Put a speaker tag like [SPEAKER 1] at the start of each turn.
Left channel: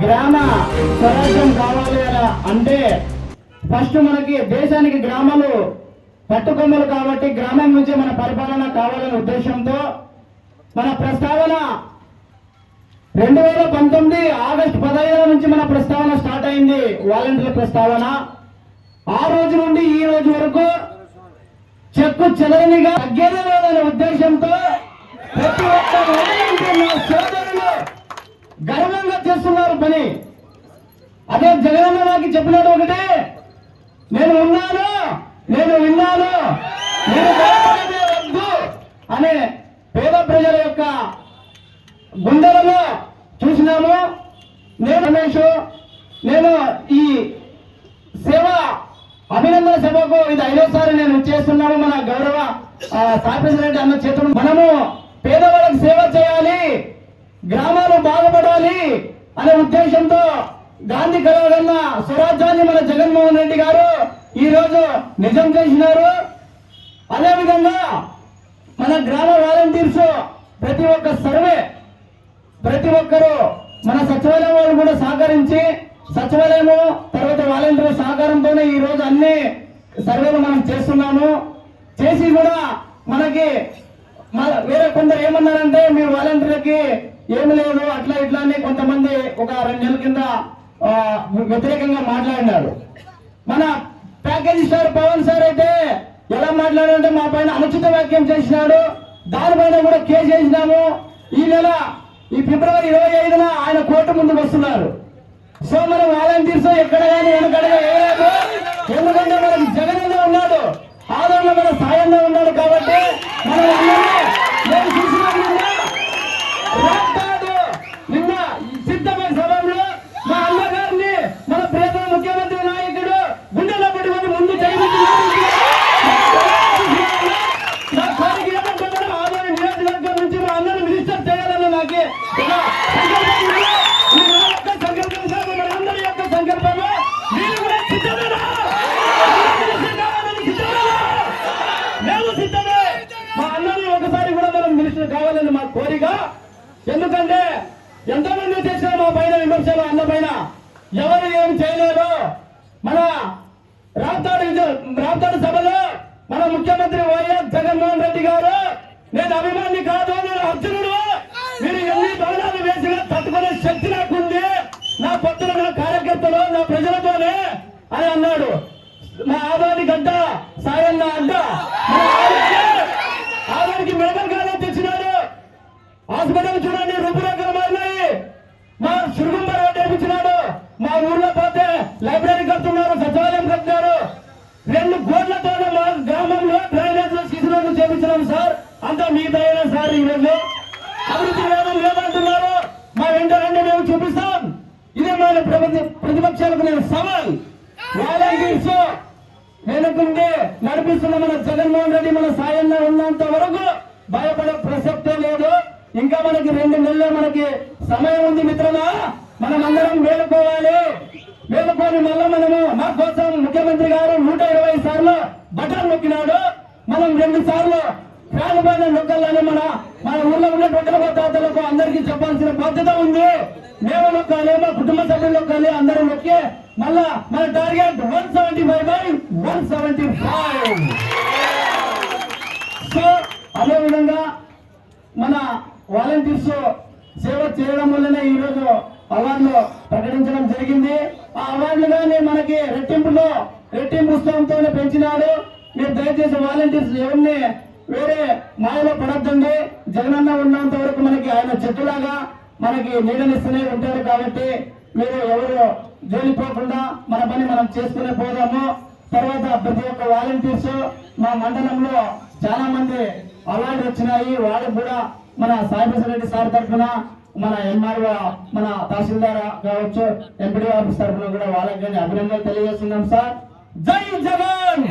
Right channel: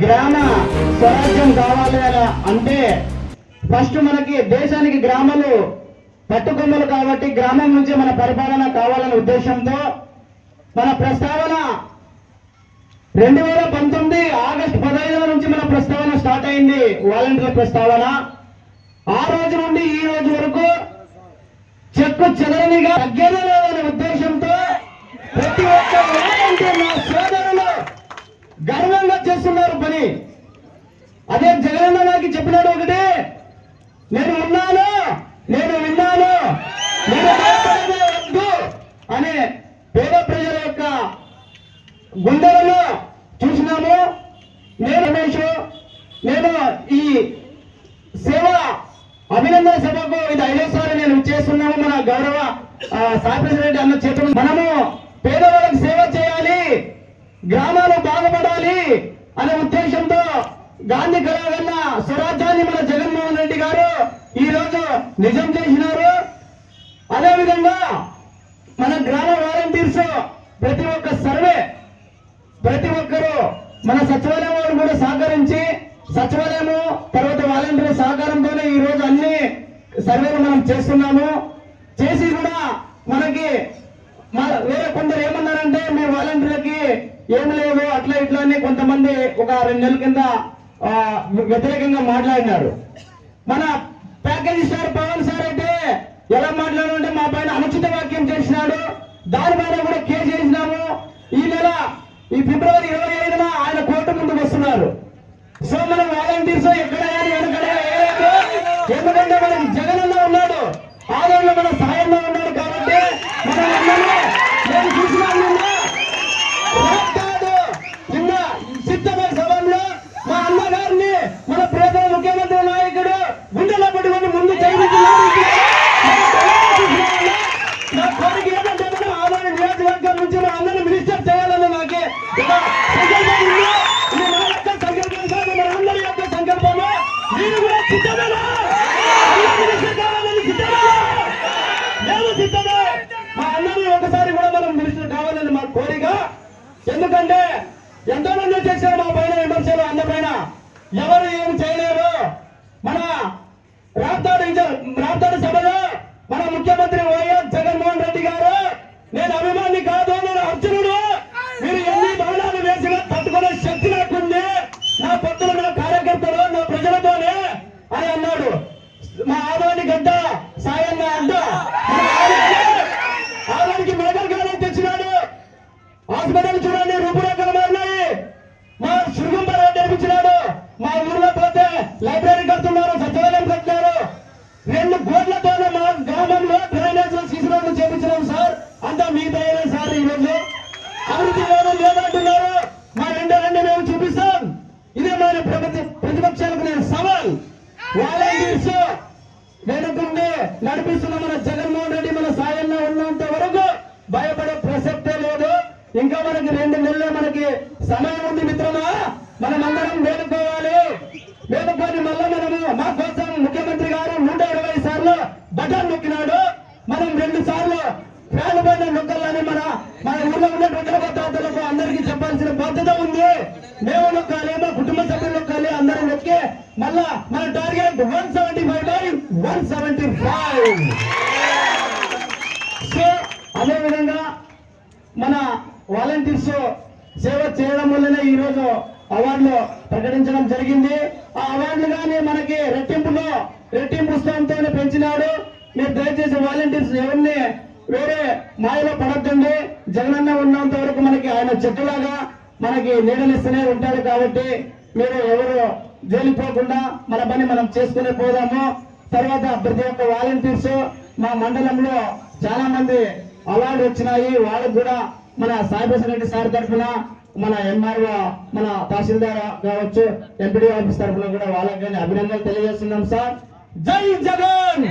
[SPEAKER 1] గ్రామ స్వరాజ్యం కావాలి కదా? అంటే ఫస్ట్ మనకి దేశానికి గ్రామాలు పట్టుకొమ్మలు కాబట్టి గ్రామం నుంచి మన పరిపాలన కావాలనే ఉద్దేశంతో మన ప్రస్తావన రెండు వేల పంతొమ్మిది ఆగస్టు పదహైదు నుంచి మన ప్రస్తావన స్టార్ట్ అయింది వాలంటీర్ల ప్రస్తావన. ఆ రోజు నుండి ఈ రోజు వరకు చెక్కు చెదరనిగా తగ్గేదే లేదనే ఉద్దేశంతో ప్రతి ఒక్క వాలంటీర్ నా సోదరులు గర్వంగా చేస్తున్నారు పని అదే జగనన్న నాకు చెప్పినాడు ఒకటి. నేను ఉన్నాను నేను విన్నాను నేను వద్దు అనే పేద ప్రజల యొక్క గుండెలను చూసినాము. నేను రమేష్ నేను ఈ సేవ అభినందన సభకు ఇది ఐదోసారి నేను చేస్తున్నాము మన గౌరవ ఆ, అన్న చేతులు మనము పేదవాళ్ళకి సేవ చేయాలి గ్రామాలు బాగుపడాలి అనే ఉద్దేశంతో గాంధీ కలవగన్న స్వరాజ్యాన్ని మన జగన్మోహన్ రెడ్డి గారు ఈ రోజు నిజం చేసినారు. అదే విధంగా మన గ్రామ వాలంటీర్స్ ప్రతి ఒక్క సర్వే ప్రతి ఒక్కరూ మన సచివాలయం వాళ్ళు కూడా సహకరించి సచివాలయము తర్వాత వాలంటీర్ సహకారంతోనే ఈ రోజు అన్ని సర్వేలు మనం చేస్తున్నాము. చేసి కూడా మనకి వేరే కొందరు ఏమన్నారంటే మీ వాలంటీర్లకి ఏమి లేదు అట్లా ఇట్లా అని కొంతమంది ఒక రెండు నెలల కింద వ్యతిరేకంగా మాట్లాడినాడు మన ప్యాకేజీ స్టార్ పవన్ సార్ అయితే ఎలా మాట్లాడాలంటే మా పైన అనుచిత వ్యాఖ్యం చేసినాడు. దానిపైన కూడా కేసు చేసినాము ఈ నెల ఈ ఫిబ్రవరి ఇరవై ఐదున ఆయన కోర్టు ముందుకు వస్తున్నారు. సో మనం వాలంటీర్స్ ఎక్కడ కానీ వెనకడగా ఎందుకంటే మనకి జగన్ ఉన్నాడు. ఆదరణ మన సాయంలో ఒకసారి కూడా మనం మినిస్టర్ కావాలని మా కోరిక. ఎందుకంటే ఎంతో మంది చేశారు మా పైన విమర్శలు అన్న పైన ఎవరు ఏం చేయలేరు మన రాప్తాడు రాప్తాడు సభలో మన ముఖ్యమంత్రి వైఎస్ జగన్మోహన్ రెడ్డి గారు నేను అభిమాని కాదు నేను అర్జునుడు. మీరు ఎన్ని బాణాలు వేసినా తట్టుకునే శక్తి నాకుంది. నా పత్రులు నా కార్యకర్తలు నా ప్రజలతోనే అని అన్నాడు. మా లైబ్రరీ కడుతున్నారు సచివాలయం కడుతున్నారు. రెండు కోట్లతో మా గ్రామంలో డ్రైనేజ్ శిశువులను చేపించినాం సార్. అంతా మీ సార్ ఈ రోజు. అభివృద్ధి లేదని లేదంటున్నారు. మా వెంట రండి మేము చూపిస్తాం. ఇది మన ప్రపంచ- ప్రతిపక్షాలకు నేను సవాల్. వాలంటీర్స్ వెనుకుండి నడిపిస్తున్న మన జగన్మోహన్ రెడ్డి మన సాయంలో ఉన్నంత వరకు భయపడే ప్రసక్తే లేదు. ఇంకా మనకి రెండు నెలలు మనకి సమయం ఉంది మిత్రమా మనం అందరం మేలుకోవాలి మేలుకొని మళ్ళా మనము మా కోసం ముఖ్యమంత్రి గారు నూట ఇరవై సార్లు ఎక్కినాడు మనం రెండు సార్లు ఫ్యాన్ పైన నొక్కాలని మన మన ఊర్లో ఉన్న ప్రజల భద్రతలకు అందరికీ చెప్పాల్సిన బాధ్యత ఉంది. మేము నొక్కాలి మా కుటుంబ సభ్యులు నొక్కాలి అందరం నొక్కి మళ్ళా మన target one seventy five by one seventy five so అదే విధంగా మన వాలంటీర్స్ సేవ చేయడం వల్లనే ఈ రోజు అవార్డులు ప్రకటించడం జరిగింది. ఆ అవార్డులు కానీ మనకి రెట్టింపులో రెట్టింపు ఉత్సవంతోనే పెంచినాడు. మీరు దయచేసి వాలంటీర్స్ ఎవరిని వేరే మాయలో పడద్దండి. జగనన్న ఉన్నంత వరకు మనకి ఆయన చెట్టులాగా మనకి నీడనిస్తూనే ఉంటాడు కాబట్టి మీరు ఎవరు జోలిపోకుండా మన పని మనం చేసుకునే పోదాము. తర్వాత ప్రతి ఒక్క వాలంటీర్స్ మా మండలంలో చాలా మంది అవార్డు వచ్చినాయి. వాళ్ళకు కూడా మన సాయిభూషణ్ రెడ్డి సార్ తరఫున మన ఎంఆర్ఓ మన తహసీల్దార్ కావచ్చు ఎంపీడీ ఆఫీస్ తరఫున కూడా వాళ్ళకి అభినందనలు తెలియజేస్తున్నాం సార్. జై జగన్!